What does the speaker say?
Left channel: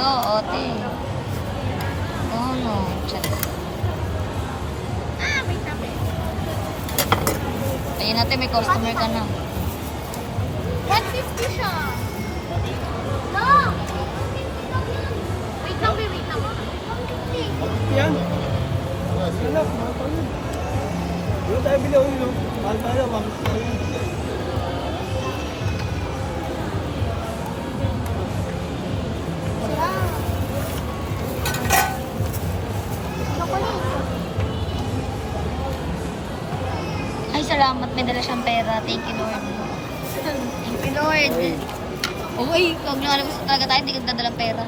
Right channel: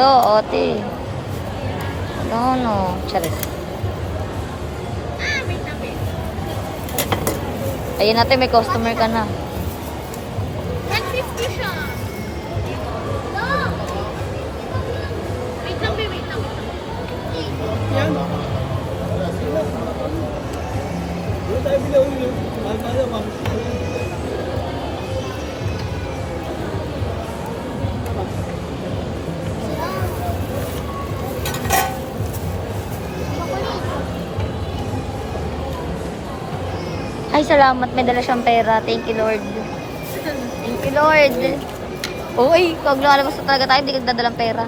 Hello, ate. No. Charis. Wait na, wait. Ayun natin, may customer ka na. 150 siya. No! Wait lang, wait lang. Yan. Sila, wala tayo bilaw yun. Mahal tayo, mahal tayo. Ay, salamat. May dala siyang pera. Thank you, Lord. Thank you, Lord. Uy, pag lumalabas talaga tayo, hindi ka nagdadalang pera.